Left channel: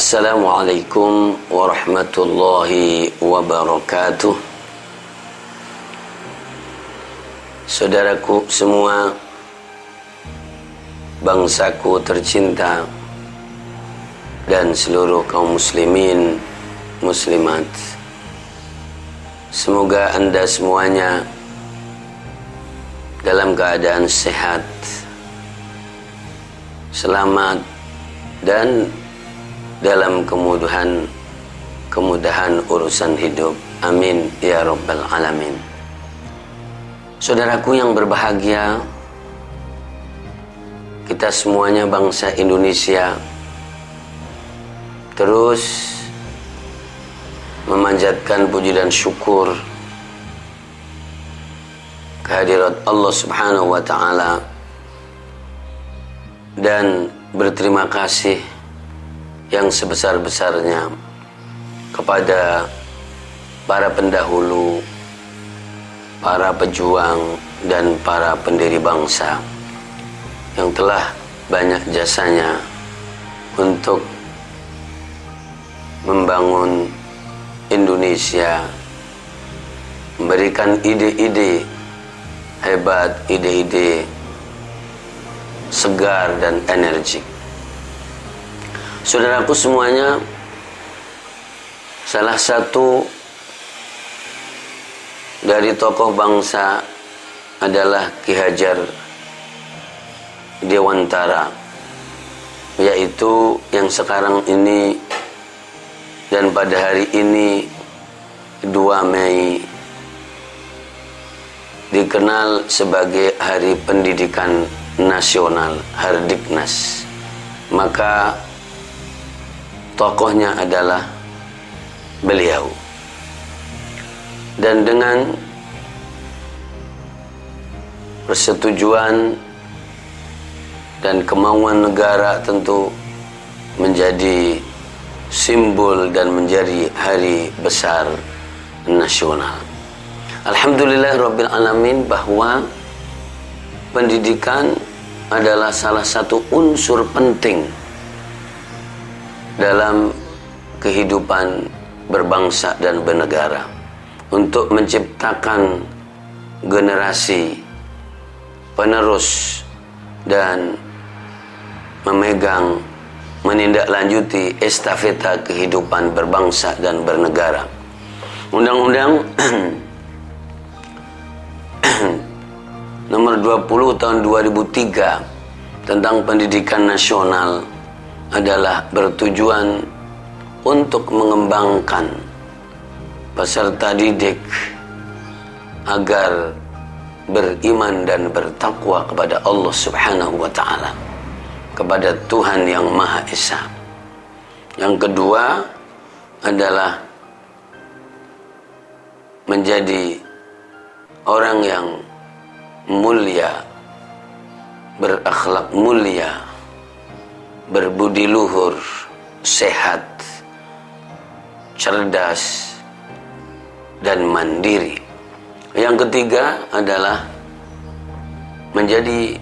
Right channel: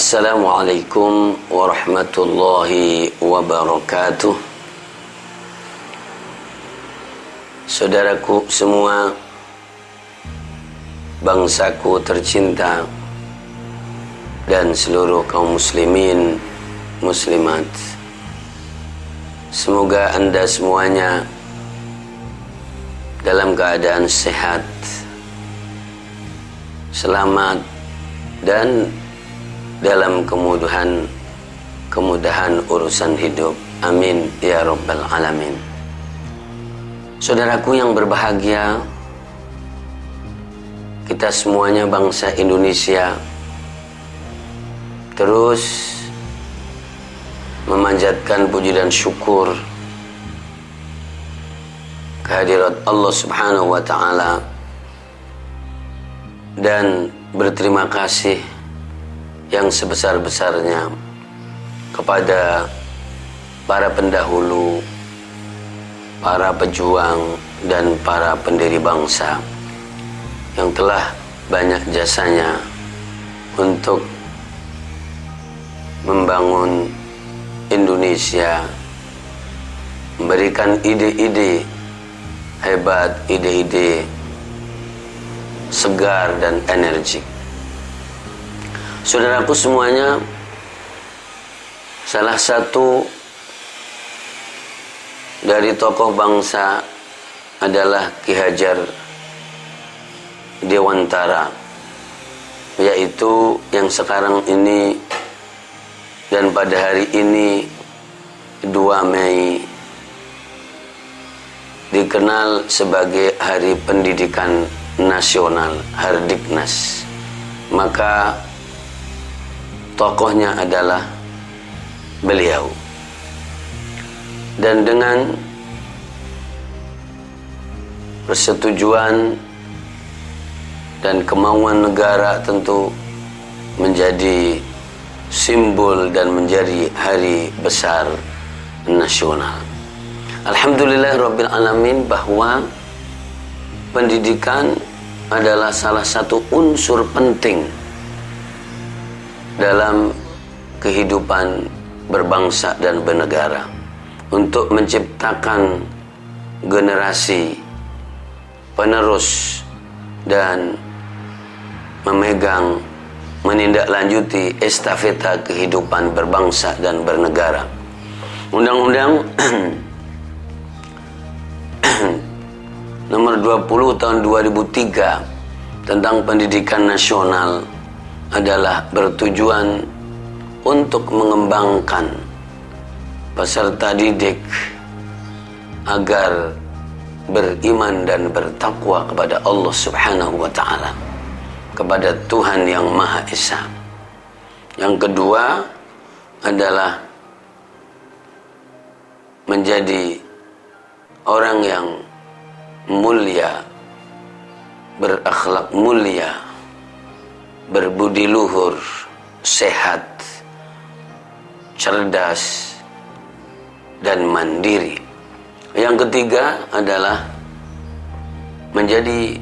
Assalamualaikum warahmatullahi wabarakatuh. Saudaraku semua, bangsaku tercinta, dan seluruh kaum muslimin, muslimat, semoga Anda semuanya dalam keadaan sehat, selamat, dan dalam kemudahan urusan hidup. Amin ya rabbal alamin. Saudaraku yang berbahagia, kita semuanya bangsa Indonesia terus memanjatkan puji dan syukur kehadirat Allah Subhanahu wa taala dan berterima kasih yang sebesar-besarnya kepada para pendahulu, para pejuang, dan para pendiri bangsa yang telah banyak jasanya untuk membangun Indonesia, memberikan ide-ide hebat, ide-ide segar dan energik. Saudaraku semuanya, salah satu dari tokoh bangsa adalah Ki Hajar Dewantara, yaitu yang sekarang ini dan pada hari ini 2 Mei dikenal sebagai Hari Pendidikan Nasional, Hardiknas. Maka tokohnya adalah beliau. Dan dengan persetujuan dan kemauan negara tentu menjadi simbol dan menjadi hari besar nasional. Alhamdulillah Rabbil Alamin bahwa pendidikan adalah salah satu unsur penting dalam kehidupan berbangsa dan bernegara untuk menciptakan generasi penerus dan menindaklanjuti estafeta kehidupan berbangsa dan bernegara. Undang-Undang Nomor 20 tahun 2003 tentang pendidikan nasional adalah bertujuan untuk mengembangkan peserta didik agar beriman dan bertakwa kepada Allah Subhanahu wa taala, kepada Tuhan yang Maha Esa. Yang kedua adalah menjadi orang yang mulia, berakhlak mulia, berbudi luhur, sehat, cerdas, dan mandiri. Yang ketiga adalah menjadi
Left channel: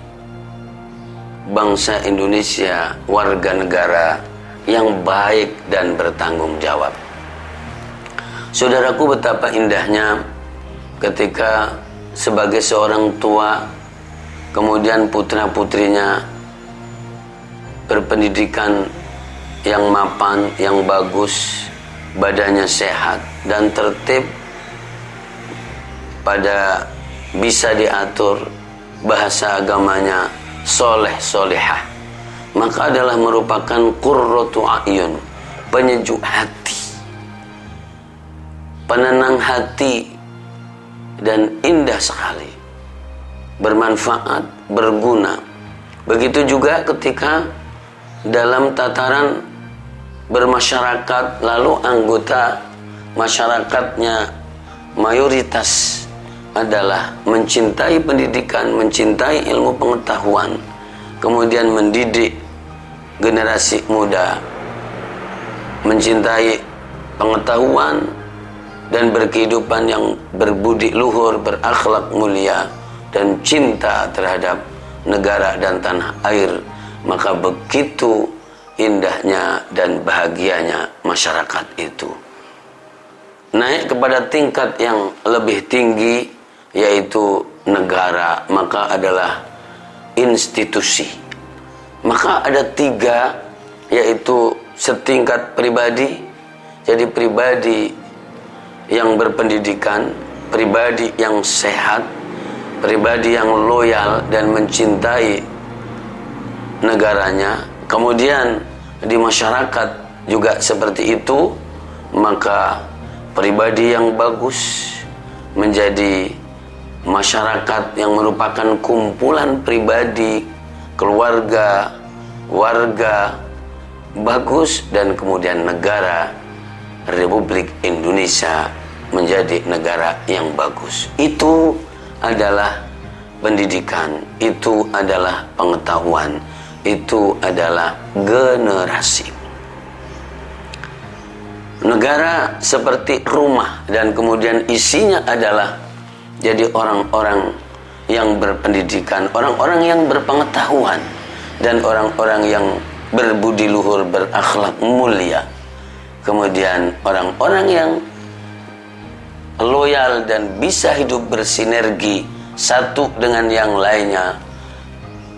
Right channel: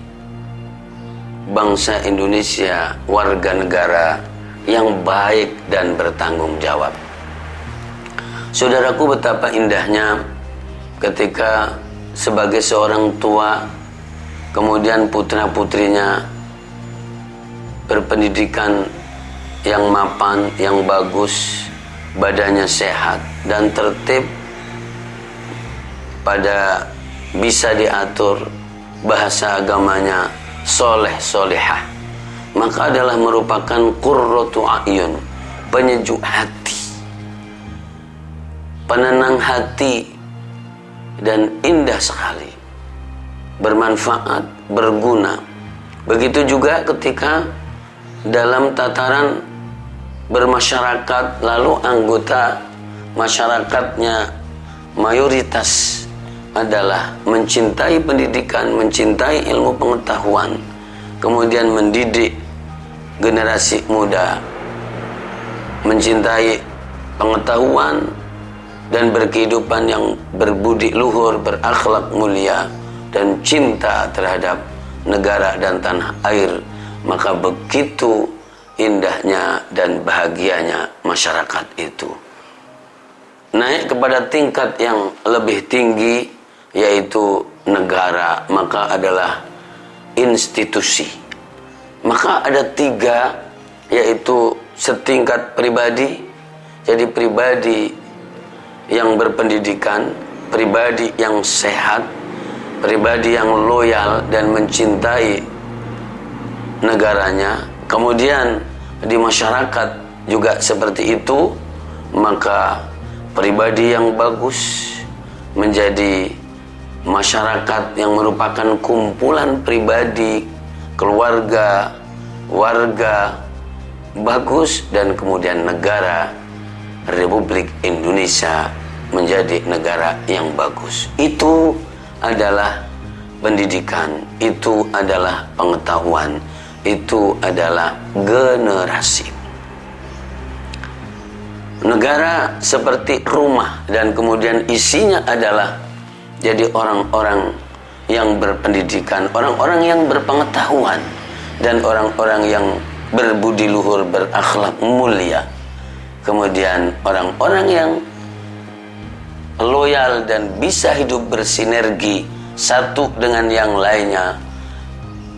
bangsa Indonesia, warga negara yang baik dan bertanggung jawab. Saudaraku, betapa indahnya ketika sebagai seorang tua kemudian putra-putrinya berpendidikan yang mapan, yang bagus, badannya sehat dan tertib, pada bisa diatur, bahasa agamanya soleh solehah, maka adalah merupakan qurratu a'yun, penyejuk hati, penenang hati, dan indah sekali, bermanfaat, berguna. Begitu juga ketika dalam tataran bermasyarakat, lalu anggota masyarakatnya mayoritas adalah mencintai pendidikan, mencintai ilmu pengetahuan, kemudian mendidik generasi muda mencintai pengetahuan dan berkehidupan yang berbudi luhur, berakhlak mulia, dan cinta terhadap negara dan tanah air, maka begitu indahnya dan bahagianya masyarakat itu. Naik kepada tingkat yang lebih tinggi, yaitu negara, maka adalah institusi. Maka ada 3, yaitu setingkat pribadi. Jadi pribadi yang berpendidikan, pribadi yang sehat, pribadi yang loyal dan mencintai negaranya. Kemudian di masyarakat juga seperti itu. Maka pribadi yang bagus menjadi masyarakat yang merupakan kumpulan pribadi, keluarga, warga bagus, dan kemudian negara Republik Indonesia menjadi negara yang bagus. Itu adalah pendidikan, itu adalah pengetahuan, itu adalah generasi. Negara seperti rumah, dan kemudian isinya adalah jadi orang-orang yang berpendidikan, orang-orang yang berpengetahuan, dan orang-orang yang berbudi luhur, berakhlak mulia. Kemudian orang-orang yang loyal dan bisa hidup bersinergi satu dengan yang lainnya,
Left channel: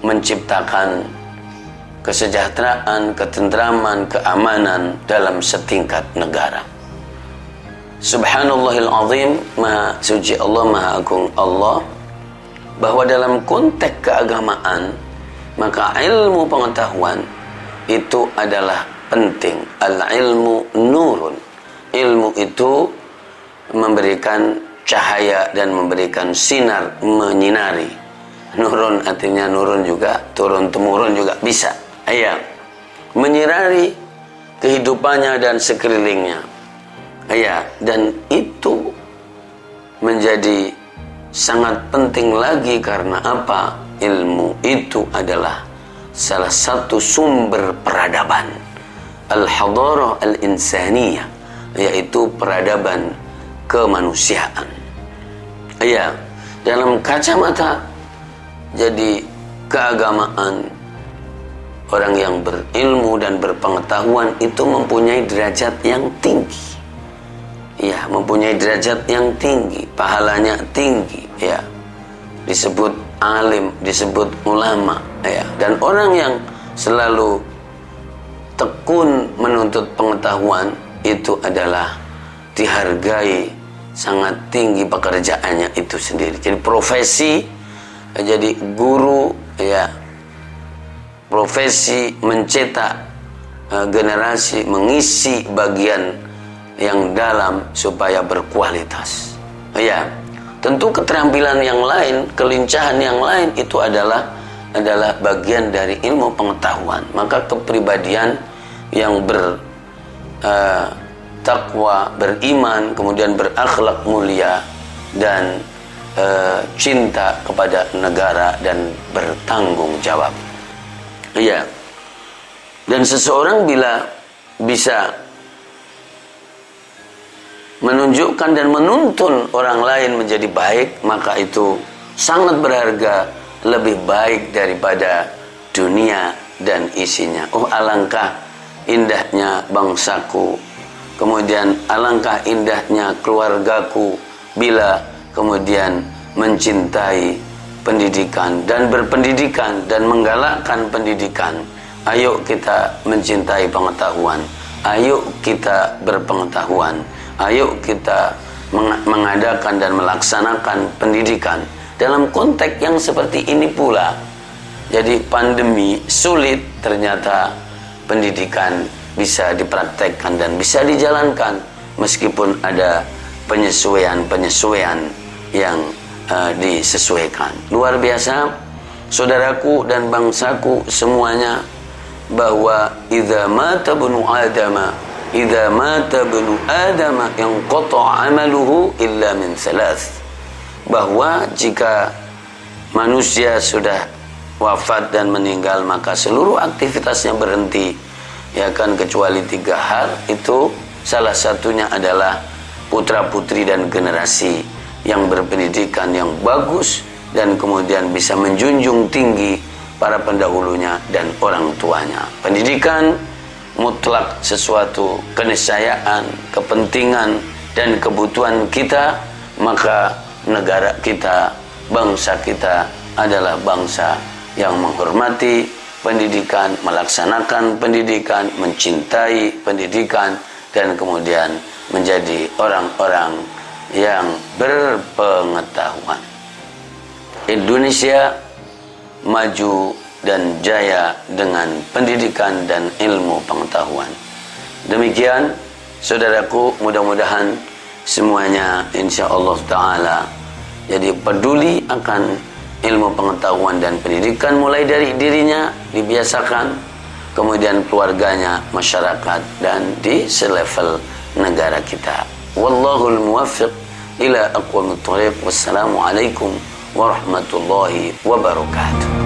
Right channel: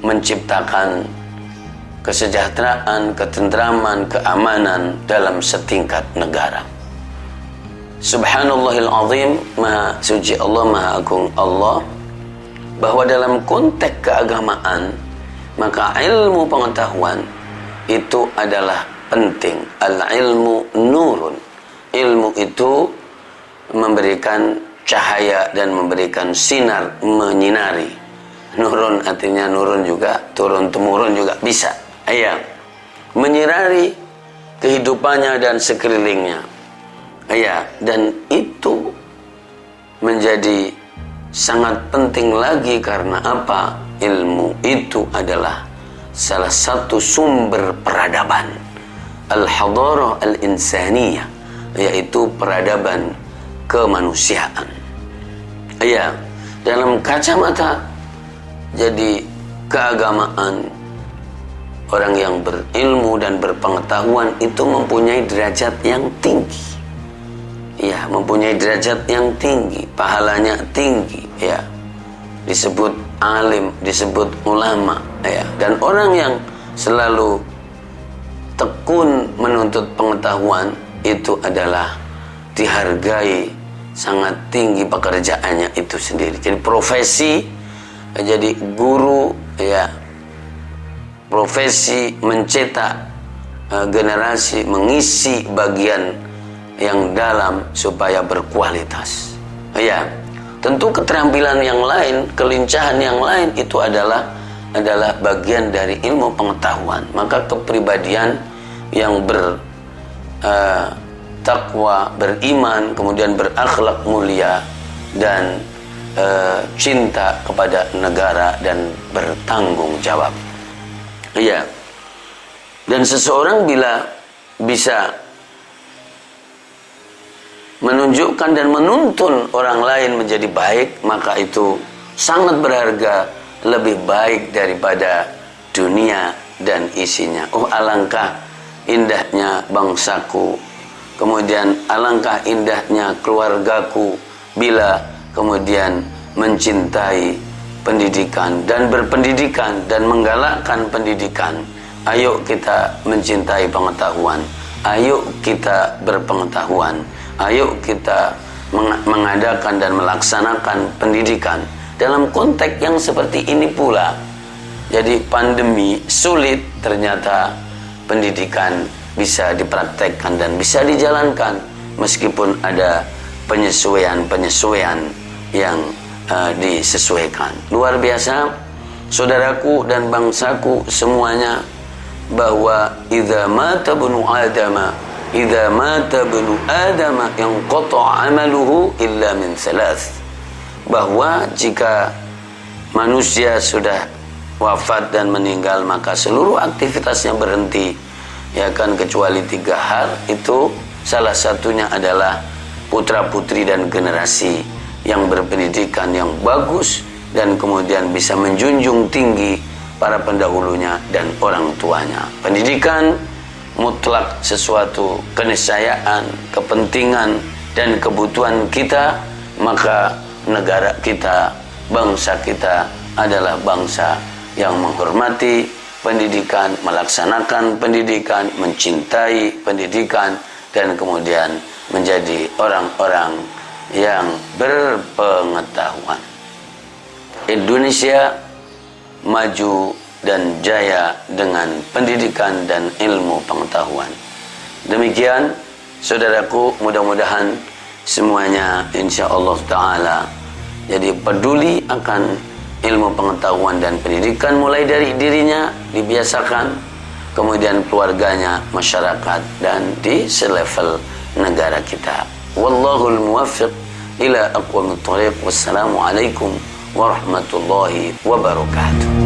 menciptakan kesejahteraan, ketentraman, keamanan dalam setingkat negara. Subhanallahil azim, maha suci Allah, maha agung Allah, bahwa dalam konteks keagamaan maka ilmu pengetahuan itu adalah penting. Al-ilmu nurun. Ilmu itu memberikan cahaya dan memberikan sinar, menyinari. Nurun artinya nurun juga, turun temurun juga bisa. Ya, menyinari kehidupannya dan sekelilingnya. Ya, dan itu menjadi sangat penting lagi karena apa? Ilmu itu adalah salah satu sumber peradaban. Al-hadarah al-insaniyah, yaitu peradaban kemanusiaan. Ya, dalam kacamata jadi keagamaan, orang yang berilmu dan berpengetahuan itu mempunyai derajat yang tinggi. Ya, mempunyai derajat yang tinggi, pahalanya tinggi, ya. Disebut alim, disebut ulama, ya. Dan orang yang selalu tekun menuntut pengetahuan itu adalah dihargai sangat tinggi pekerjaannya itu sendiri. Jadi profesi, jadi guru, ya, profesi mencetak generasi, mengisi bagian yang dalam supaya berkualitas. Ya, tentu keterampilan yang lain, kelincahan yang lain itu adalah bagian dari ilmu pengetahuan. Maka kepribadian yang bertakwa, beriman, kemudian berakhlak mulia dan cinta kepada negara dan bertanggung jawab. Iya. Dan seseorang bila bisa menunjukkan dan menuntun orang lain menjadi baik, maka itu sangat berharga, lebih baik daripada dunia dan isinya. Oh, alangkah indahnya bangsaku, kemudian alangkah indahnya keluargaku bila kemudian mencintai pendidikan dan berpendidikan dan menggalakkan pendidikan. Ayo kita mencintai pengetahuan, ayo kita berpengetahuan, ayo kita mengadakan dan melaksanakan pendidikan dalam konteks yang seperti ini pula. Jadi pandemi sulit, ternyata pendidikan bisa dipraktekkan dan bisa dijalankan meskipun ada penyesuaian-penyesuaian yang disesuaikan. Luar biasa, saudaraku dan bangsaku semuanya, bahwa idza mata ibnu adama yanqata amaluhu illa min thalath. Bahwa jika manusia sudah wafat dan meninggal, maka seluruh aktivitasnya berhenti, ya kan, kecuali 3 hal. Itu salah satunya adalah putra-putri dan generasi yang berpendidikan yang bagus dan kemudian bisa menjunjung tinggi para pendahulunya dan orang tuanya. Pendidikan mutlak sesuatu keniscayaan, kepentingan dan kebutuhan kita, maka negara kita, bangsa kita adalah bangsa yang menghormati pendidikan, melaksanakan pendidikan, mencintai pendidikan, dan kemudian menjadi orang-orang yang berpengetahuan. Indonesia maju dan jaya dengan pendidikan dan ilmu pengetahuan. Demikian saudaraku, mudah-mudahan semuanya insyaallah ta'ala jadi peduli akan ilmu pengetahuan dan pendidikan, mulai dari dirinya dibiasakan, kemudian keluarganya, masyarakat, dan di selevel negara kita. Wallahul muwaffiq ila aqwamit thoriq. Wassalamualaikum warahmatullahi wabarakatuh.